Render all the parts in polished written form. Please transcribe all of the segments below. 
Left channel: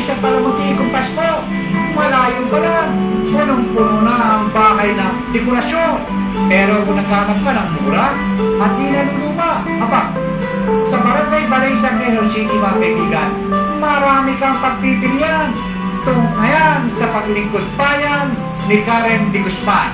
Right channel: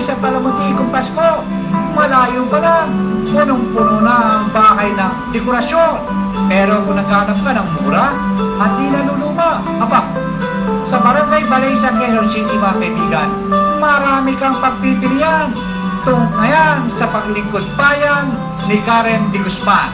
isa pala muntikong Pasko. Malayo pa lang. Punong-puno na ang bahay ng dekorasyon. Pero kung naghanap ka ng mura at di naluluma, sa Barangay Valencia, Quezon City, mga kaibigan, marami kang pagpipilian. Tunghayan sa paglingkod bayan ni Karen de Guzman.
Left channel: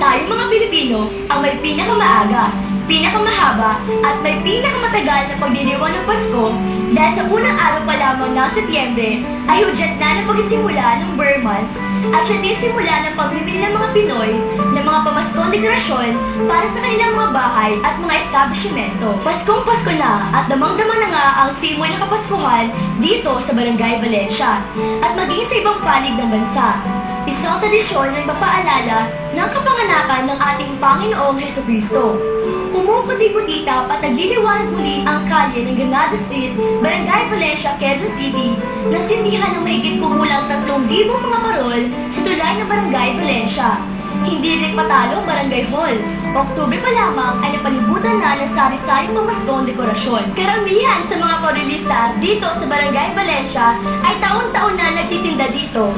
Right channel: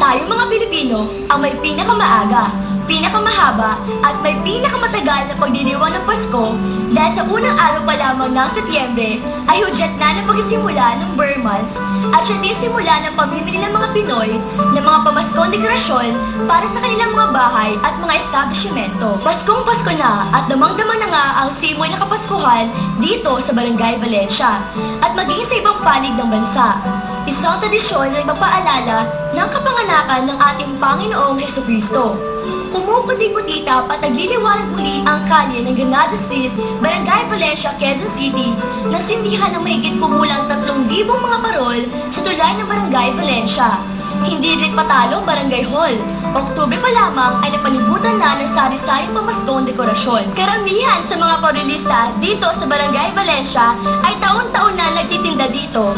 Tayo mga Pilipino ang may pinakamaaga, pinakamahaba at may pinakamatagal na pagdiriwang ng Pasko dahil sa unang araw pa lamang ng Setyembre ay hudyat na ng pagsisimula ng Burr months at siya din simula ng pamimili ng mga Pinoy ng mga pamaskong dekorasyon para sa kanilang mga bahay at mga establishmento. Paskong Pasko na at damang-dama na nga ang simoy ng Kapaskuhan dito sa Barangay Valencia at maging sa ibang panig ng bansa. Isang tradisyon na ipapaalala ng kapanganakan ng ating Panginoong Hesukristo. Kumukuti-kutitap at nagliliwanag muli ang kalye ng Granada Street, Barangay Valencia, Quezon City, na sindihan ng mahigit kumulang 3,000 mga parol sa tulay ng Barangay Valencia. Hindi rin patalo ang Barangay Hall. Oktubre pa lamang ay napalibutan na ng sari-saring pamaskong dekorasyon. Karamihan sa mga korelista dito sa Barangay Valencia ay taon-taon na nagtitinda dito.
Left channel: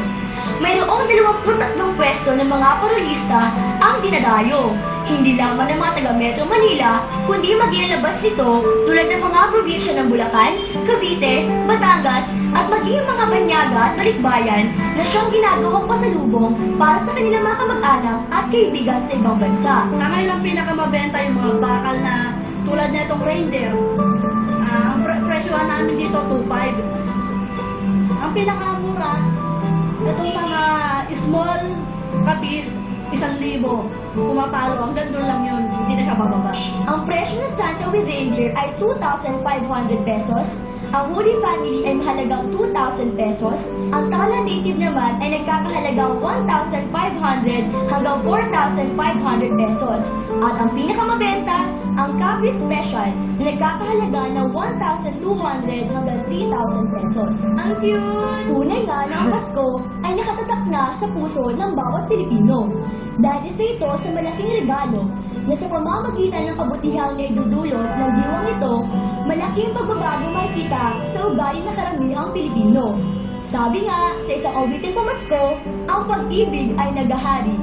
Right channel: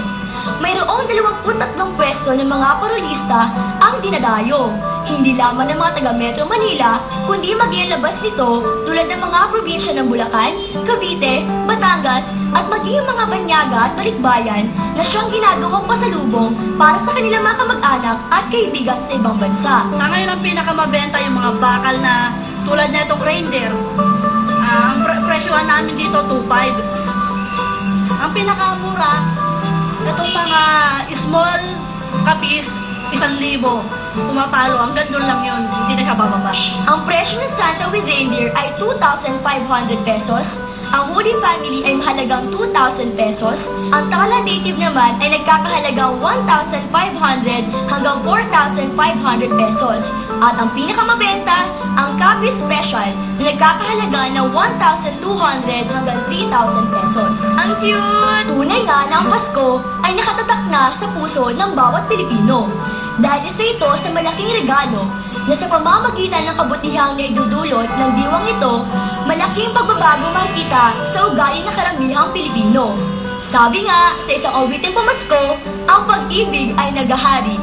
Mayroong 23 pwesto ng mga parolista ang dinadayo. Hindi lamang ng mga taga Metro Manila, kundi maging labas nito tulad ng mga probinsya ng Bulacan, Cavite, Batangas, at maging mga Banyaga at Balikbayan na siyang ginagawang pasalubong para sa kanilang mga kamag-anak at kaibigan sa ibang bansa. Sa ngayon ang pinakamabenta yung mga bakal na tulad na itong reindeer. Ang presyohan namin dito 2,500. Ang pinakamura, itong mga small kapis, 1,000. Pumapalo, hanggang doon lang yun. Hindi na siya bababa. Ang presyo ng Santa with Reindeer ay 2,500 pesos. Ang Holy Family ay mahalagang 2,000 pesos. Ang Tala Native naman ay nagkakahalagang 1,500 hanggang 4,500 pesos. At ang pinakamabenta, ang Capi Special na nagkakahalaga ng 1,200 hanggang 3,000 pesos. Ang cute! Tunay nga na ang Pasko ay nakatatak na sa puso ng bawat Pilipino. Dahil isa ito sa malaking regalo na sa pamamagitan ng kabutihang na idudulot ng diwang ito, malaking pagbabago makikita sa ugali ng karamihang Pilipino. Sabi nga, sa isang awiting pamasko, ang pag-ibig ay nagahari.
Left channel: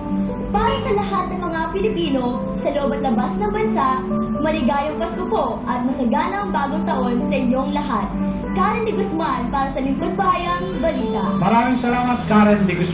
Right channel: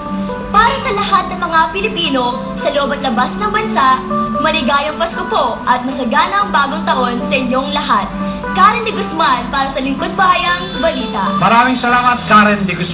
Para sa lahat ng mga Pilipino sa loob at labas ng bansa, maligayang Pasko po at masagana ang bagong taon sa inyong lahat. Karen de Guzman para sa Lingkod Bayang Balita. Maraming salamat, Karen de Guzman.